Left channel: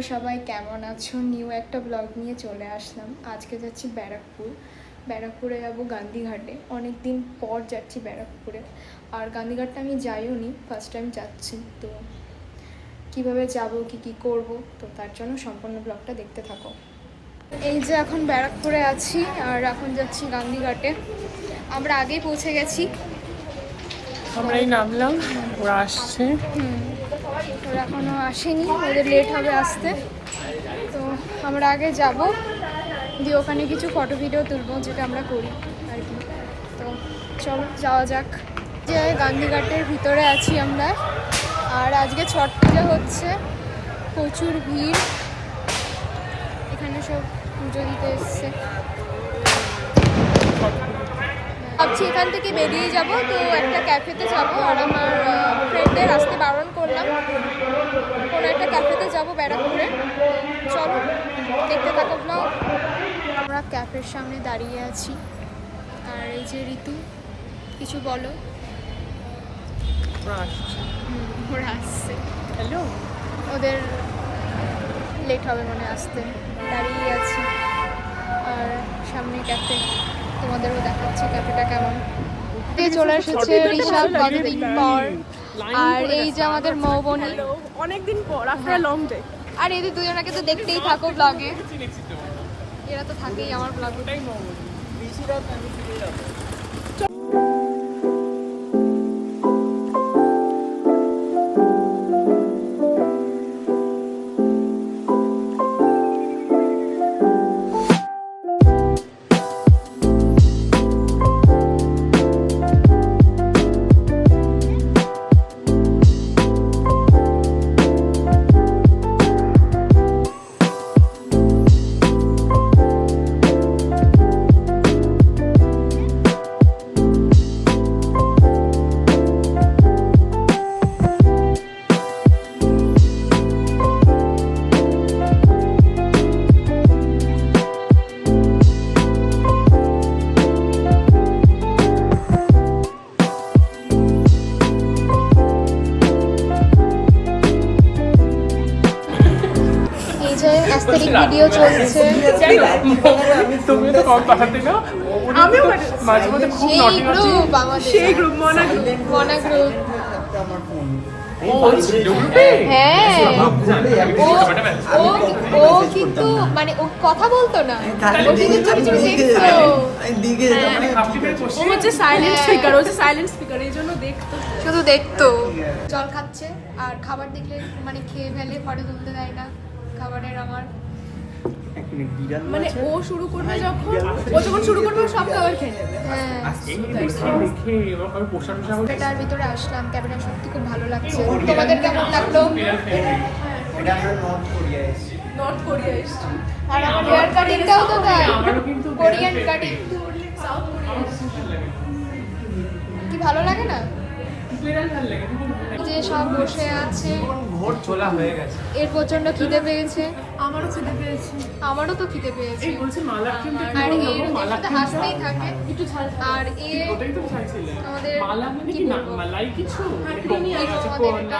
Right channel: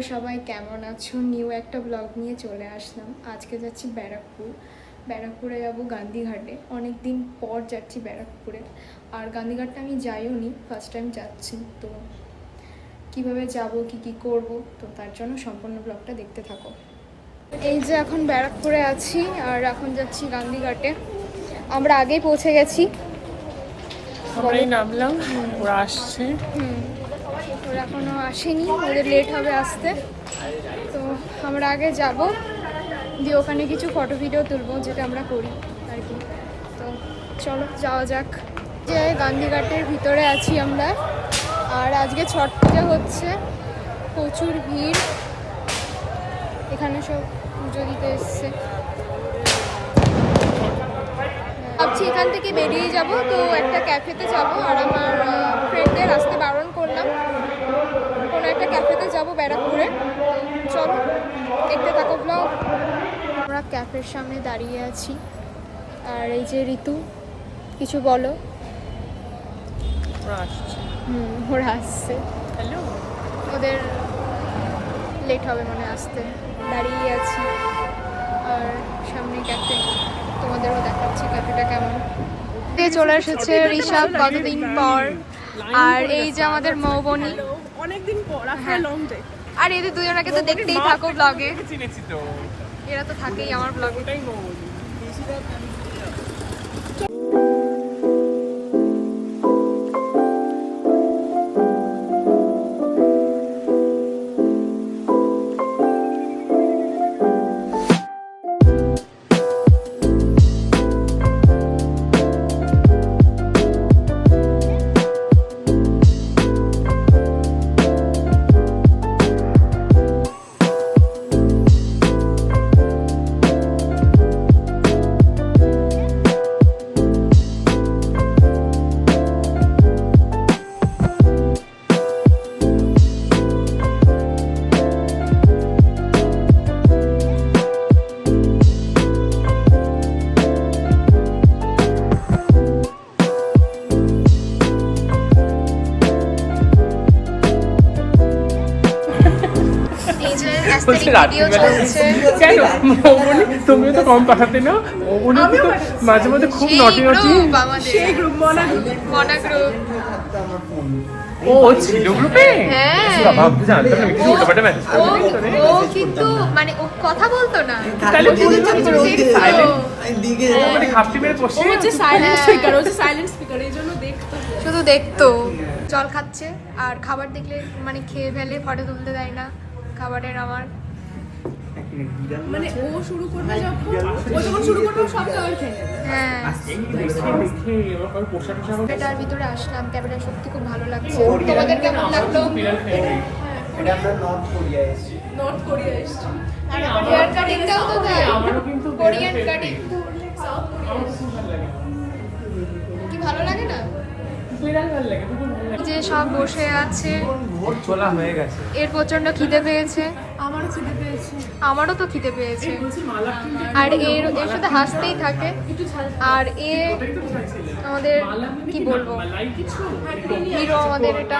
তোমরা সবাই কেমন আছো? নিউ একটা ব্লগ নিয়ে চলে আসলাম। আজকে যাচ্ছি ব্যারাকপুরে যাব গান্ধীঘাটে। অনেক দিন পর যাচ্ছি ব্যারাকপুরে। আর গান্ধীঘাটটা আমি যাইও নি, ফার্স্ট টাইম যাচ্ছি। তো কিভাবে যাব, কি করব, তো তার জন্য সম্পূর্ণ ব্লগটা দেখতে থাকো। এই যে এখন ব্যারাকপুরে আছি আর এখন যাচ্ছি গান্ধীঘাটে। আমরা আগেই পৌঁছে গেছি, আমরাই নামলাম, ওরা আসছে। ওরা এখনো আসেনি, ওদের লেট হবে আসতে। তো আমরা আগে যাব, দিয়ে ওখানে কিছু ফটো ভিডিও তুলবো, যেটা আমরা করি আর কি। তো চলো যাওয়া যাক। যে গান্ধীঘাটের ভিতরে আছি আমরা, আর আজকে ছট পূজা হচ্ছে, প্রচুর ভিড়। এখানে সব পুজো দিতে এসছে। ভাবছি এখান থেকে বেরিয়ে যাব, তো একটা ক্যাফেতে যাব। আর আমার ফ্রেন্ডদের আসতে বারণ করলাম, কোনো একটা ক্যাফেতে যাব ব্যারাকপুরে। চলো দেখতে থাকো ব্লগ। আমরা ক্যাফের সামনে দাঁড়িয়ে আছি, আর এই যে ঋতু, কিছু বলো। ওরা আসছে, হ্যালো। ওদের লেট হবে মানে আসতে। দাঁড়িয়ে আছি আর সামনে ক্যাফে, তোমাদেরও দেখাচ্ছি ক্যাফেটা কেমন। চলে এসেছে ঋষভ কতদিন পর, আর এই যে আমাদের মৌবনি, অনেকদিন পর, আফটার লং ডে। আর এদের দুজনকে তো দেখতেই থাকো ব্লগে, এরা তো থাকেই আমার ব্লগে। ভিডিও চলছে, আমিও মাঝে মধ্যে খুব নটি নটি। সেই গ্রুপ মনা গ্রুপ। ও কিন্তু মানে ও কথা বলতো না, ও হচ্ছে সাইলেন্ট স্পিকার, ও হচ্ছে সাইলেন্ট স্পিকার, এই জন্য দেখতো, শুধু দেখতো। জল খাচ্ছে আর খাবার দেখলে মানে খেয়ে ফেলে, ফটো তুলতে দেয় না খাবারের। আমার মানে ও শুরু করবে যখন শুরু করবে সব খাবার খেয়ে নেবে। হ্যাঁ, ক্যাফেটার ভিতরে আসলাম, ক্যাফেটা সত্যি খুব ভালো লাগছে। তোমাদের কেমন লাগলো? নর্থ কোরিয়া এসেছি। আর আমার হেয়ার কাটিংটাও তো তাই, কোরিয়ান কাটিং। কি ভালো লাগে না যে সব বসে আছে। এর প্রচন্ড খিদে পেয়েছে, আমারও তো খিদে পেয়েছে। আর এর সাথে হাসতেই থাকে। আর এ আমাদের কি বলবো, হিরো আমাদের। এটা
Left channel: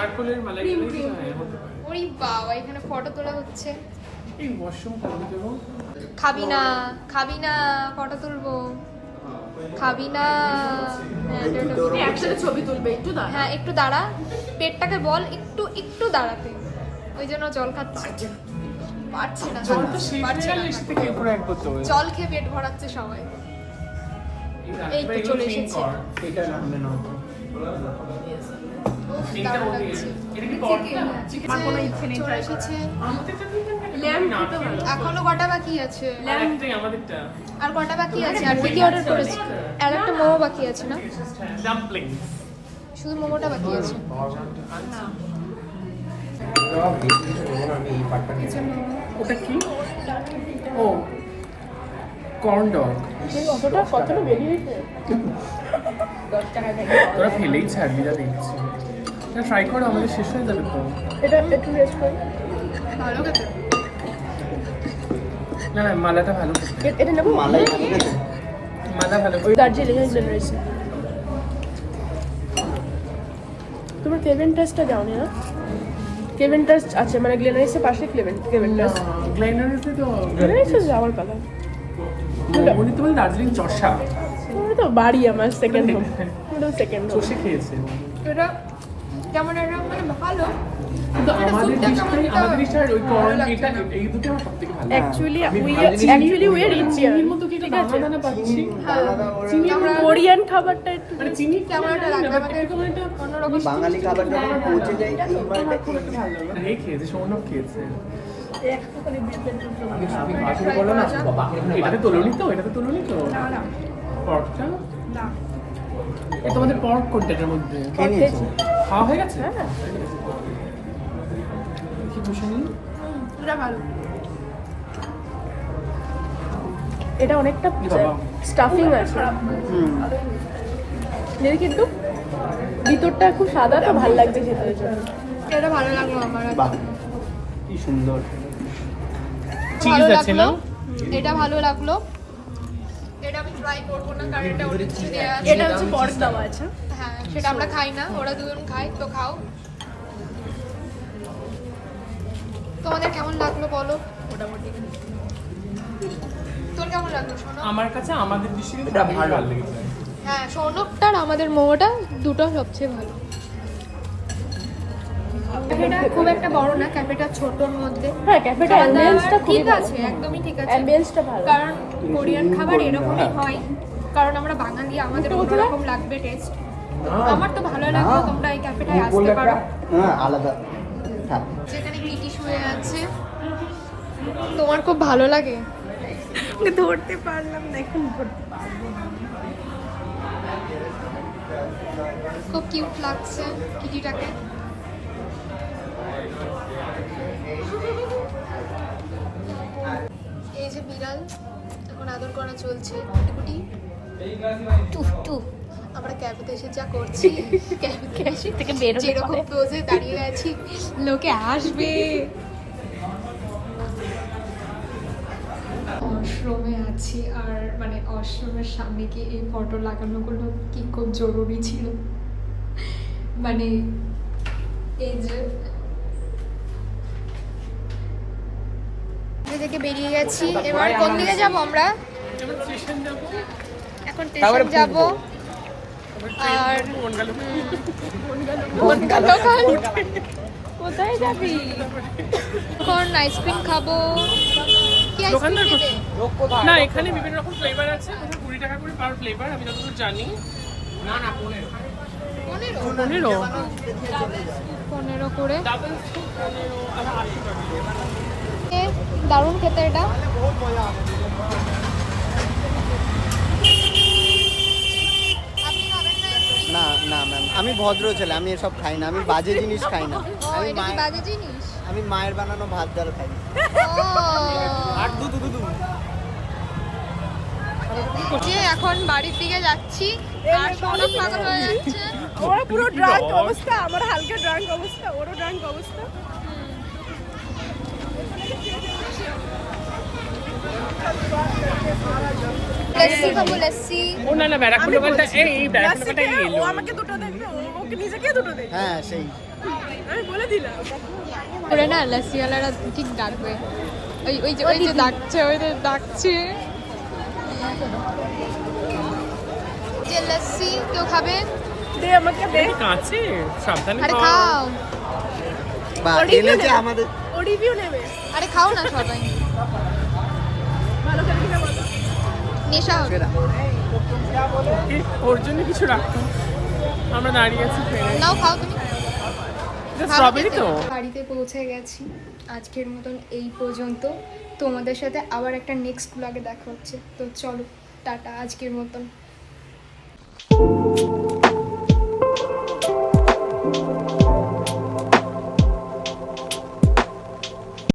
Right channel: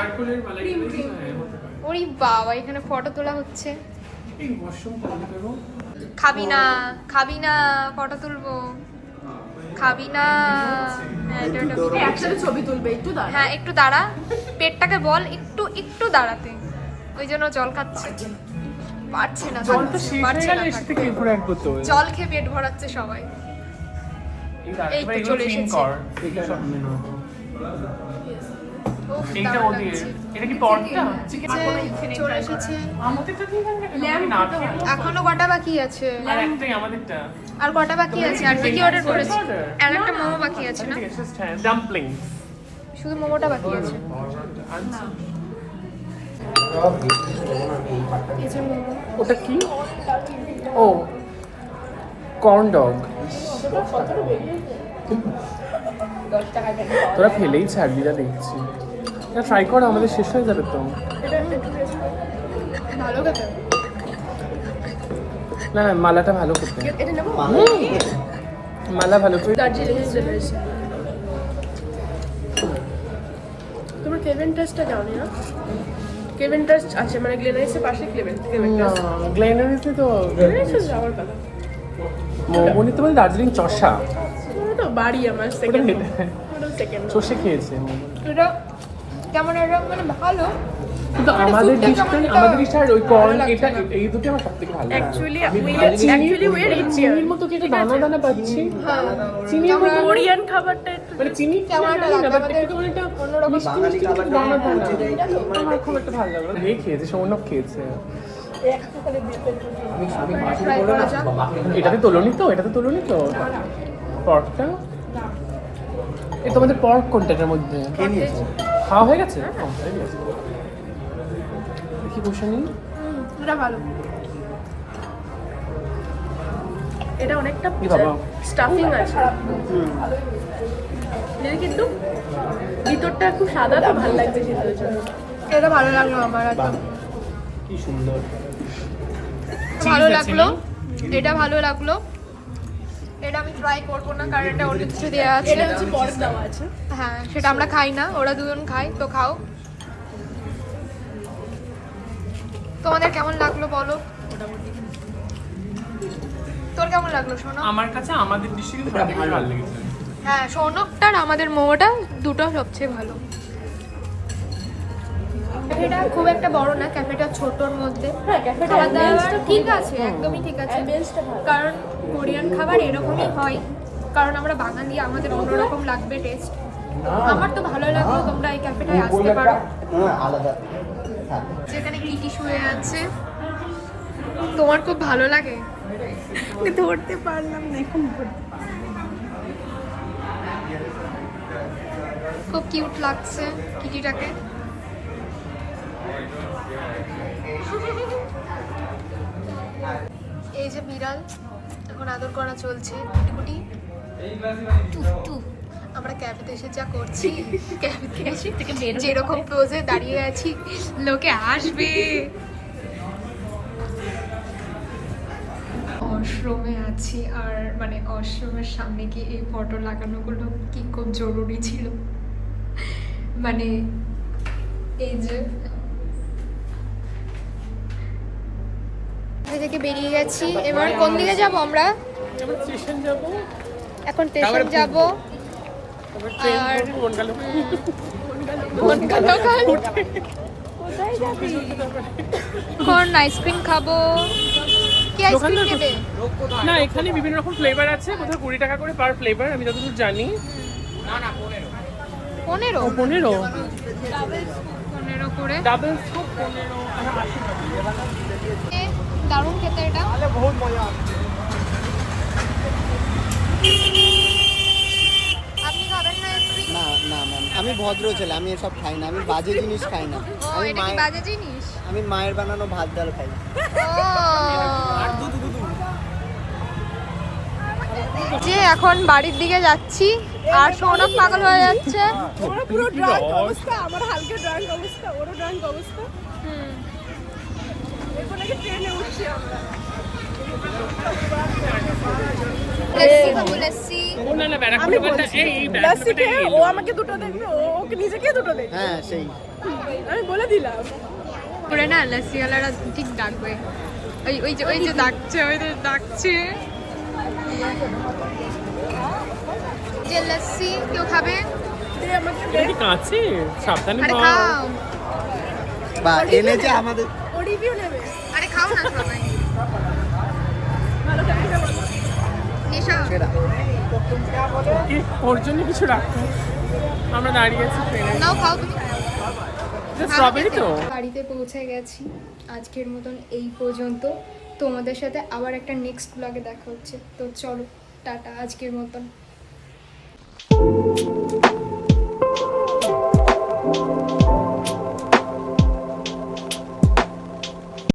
ওরে বাবা, এখানে ফটো তোলা হচ্ছে। খাবি না ফটো তুলবো, খাবি না। হ্যাঁ একটু দাঁড়া, পেটটাকে বল একটু দাঁড়াতে, ওই জন্য জল খাচ্ছে। পারছে না থাকতে। জল খেয়ে পেট ভরাচ্ছে সবাই। এই তো চলে এসেছে। চলে এসেছে। এখনো কটা বাকি আছে? আর কটা বাকি আছে? আর কি অর্ডার করেছি? আর একটা মোমো বাকি আছে না? শুধু মোমোটা বাকি আছে। ওটা কি? ও কর্ন ডগ। তোরা খেলেই ছাড়বিরা দেখছি। ট্রাই করো, আমাদের শেষ হয়ে যাবে তো। ভালো খেতে। না মালাটা ভালো খেতে। এটা নেবো মালা ভালো। দার্জিলিং এর লেবেছি। তোমার কেভেন টেস্টটা দাও না? কেভেন্টাস আছে, মানে গ্লেনারিসের পাশে কেভেন্টাস। গ্লেনারিসে তো গ্লেনারিস যাওয়ার কথা। উনি তো বলে দার্জিলিং চষা ওটা তো বাড়ি আমার সেকেন্ড সেকেন্ড চষে খেয়েছেন। এটা কেমন একটা মানে ভালো, কিন্তু আমাদের ডিশটা ওই কর্ন এটা এই দুটো আমার সবথেকে ভালো লাগে। Actually we are richer. চিনির মতো কি দানা দানা পাচ্ছি। চিনি আমরা কোরিয়ান খাবারটা একটু মানে চিনি কেমন একটা লাগে আমাদের অন্যরকম। বাঙালি খাবার আমার খুব একটা ভালো লাগে না। এই খেয়েছে, সৌনক খেয়েছে। এটাতে তোলনি তো, এটাতে তোলনি তো পর্কটা। এটা তোমাদের পর্ক কোনটা এটার মধ্যে খাওয়া হয়ে গেছে? কি বসুন, এটা ভালো। এটা অনেকটা বাবা। স্টাফিং আছে, কিন্তু ভিতরটা খুব সাদা, তো ভালো লাগছে খেতে। এই জন্য এটা ভালো লাগলো আমার একদম, কি সুন্দর ভালো চিজ আছে না? লাগলো। এটা ভালো লাগলো, এটা আমি ট্রাই করবো না কারণ এটা অন্য কিছু দেওয়া আছে। এটা হচ্ছে পর্ক দেওয়া আছে। হ্যাঁ, সেটা আমরা খাই না, ওরা দুজন খায়, তো খাও। তোমাদের কেমন লাগলো বলো? মোটামুটি তোর কেমন লাগলো শোনো? আমার কাছে আমাদের ডিশে এটা ভালো। হ্যাঁ, সৌনকটার আমাদের মোমোটা দুটো সবচেয়ে ভালো। ক্যাফেটা খুব একটা বড় না, ক্যাফেটা ছোটর মধ্যে। হ্যাঁ, ক্যাফেটা খাবার দাবার ambience-টা ঠিক আছে, একদমই ঠিক আছে। ambience-টা ভালো। কারণ কোরিয়ান খাবার এরকমই হয়, কারণ আমরা বাঙালি, আমাদের অন্যরকম লাগবে টেস্ট। আমার তো ভালো লাগলো, তোমরা এই ক্যাফেটায় আসতে পারো, আলাদা। যেখানে কিটি শুয়ে আছে। তোমার খুব ভালো লাগে? ধরতে পারলাম না, এখন ধরতে পারবো। খুব কিউট লাগছে কিটিটাকে। এই যে বিড়াল, এখন আদর করা চলছে, কুটি কুটি। আমরা ক্যাফেতে এসে যা করছি, যেরকম পোজে দাঁড়িয়ে আছি, লোকে আসবে। আশ্রমে আছি, আর মানে আশ্রমের সামনে কি এই ফটো লাগানোগুলো কি খুব জরুরি ছিল। মানে এই যে থেকে বেরিয়ে গেছি, এবার কোন দিকে যাব আমরা? এখন স্টেশন যাব। আর কোথায় যাবি? কোন আইসক্রিম খাবো? কি আইসক্রিম নেবে? না, এখানে বিভিন্ন রকম ফ্লেভার আছে, কোথাও 20 টাকা করে পার ফ্লেভার, আমি যতদূর জানি। 15 করে। দারুণ খেতে এটা। আপনি খাবেন না আইসক্রিম? না না ম্যাম, আমি ভদ্র ছেলে, আমি এসব খাই না, আমি বাজে জিনিস খাই না। আমি এটা কি বাজে জিনিস? আমি মায়ের বানানো ভাত ডাল খাই। আর দুধ যে এখন বাড়ির দিকে যাচ্ছি, আর সৌনক পাগল হয়ে যাচ্ছে। ওরা পুরো ড্রাঙ্ক অবস্থা, আমার হালকা ড্রাঙ্ক অবস্থা, ওরও ড্রাঙ্ক অবস্থা। লস্যি খাবো, লস্যি। ও না না, ব্যারাকপুর বলতে এই লাস্টে খেয়ে ও আমাকে দুটো দেবে, ওকে নিজেকে দুটো দেবে। হ্যাঁ সেই। আমি বলে দিলাম। করে না লস্যিওয়ালারা ঠিক ডাকবে, ওই যে ডাকছে, ওই যে ডাকছে যে লস্যি কেউ খাবে? দে আমাকে দে। কাছে সাবধানে আরে খাও, বা এনেছে আমাদের। ও রিভিউ নেবে। আরে খাও না সবাই, ভালো করে কিনা বলো। নেশা হবে। সেরা। কি ওর জন্য কিছু রাখতো, আমরা দাঁড়িয়ে আছি ট্রেনে। নাও খাও তুমি। স্ট্রবেরি তো। বাড়িতে পৌঁছে গেছি, আজকের মতন এই পর্যন্ত। তোমাদের সাথে আবার একটা নেক্সট ব্লগে দেখা হচ্ছে, তো চলো টাটা আজকের মতন।